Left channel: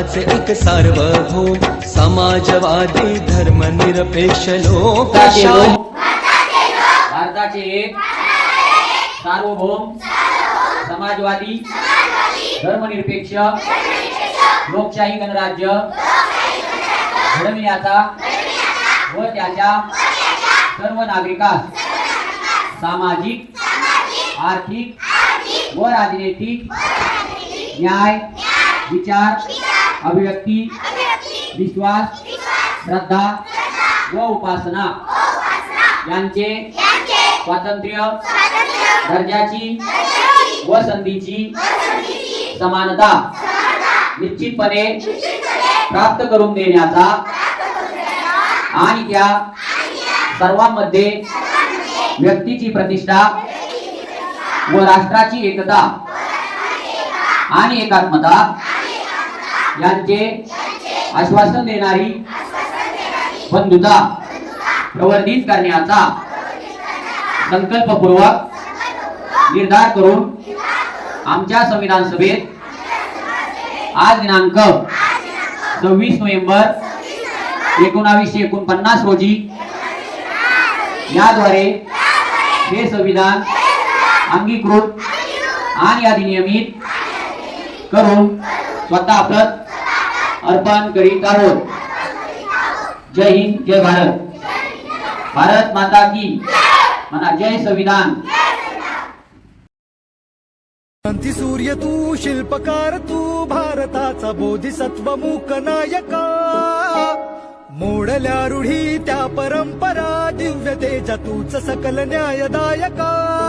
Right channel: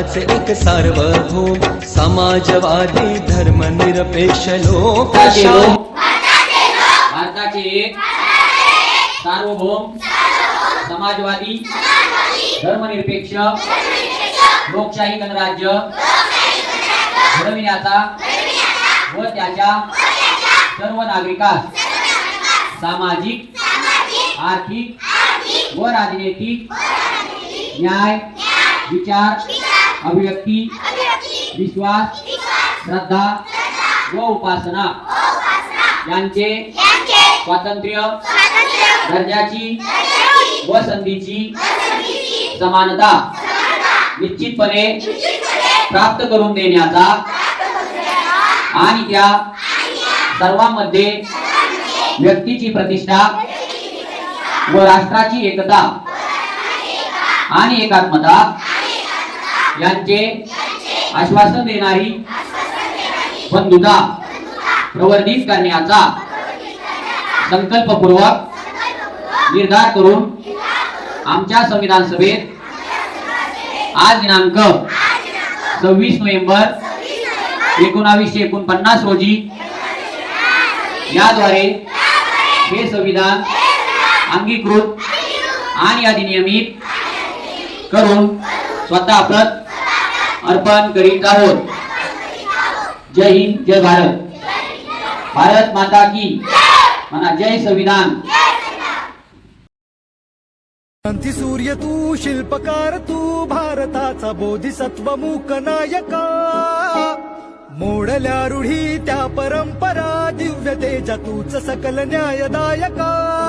भारताचे एक सार्वभौम समाजवादी धर्मनिरपेक्ष लोकशाही भारताचे एक सार्वभौम समाजवादी धर्मनिरपेक्ष लोकशाही गणराज्य घडविण्याचा व त्याच्या सर्व नागरिकांस सामाजिक, आर्थिक व राजनैतिक न्याय, विचार, अभिव्यक्ती, विश्वास, श्रद्धा व उपासना यांचे स्वातंत्र्य, दर्जाची व संधीची समानता निश्चितपणे प्राप्त करून देण्याचा आणि त्या सर्वांमध्ये व्यक्तीची प्रतिष्ठा व राष्ट्राची एकता आणि एकात्मता यांचे आश्वासन देणारी बंधुता प्रवर्धित करण्याचा संकल्पपूर्वक निर्धार करून आमच्या संविधान सभेत आज दिनांक 26 नोव्हेंबर 1949 रोजी याद्वारे हे संविधान अंगीकृत आणि अधिनियमित करून स्वतः प्रत अर्पण करीत आहोत। जय हिंद, जय भारत। भारत माता की म्हणा, जय संविधान। क्रांती सूर्य तू, शिल्पकार तू, भारताचा बोधिसत्व मूक नायका, मोडल्या रूढी त्या परंपरा, दिव्य तेजा तूच सकल न्यायदायका।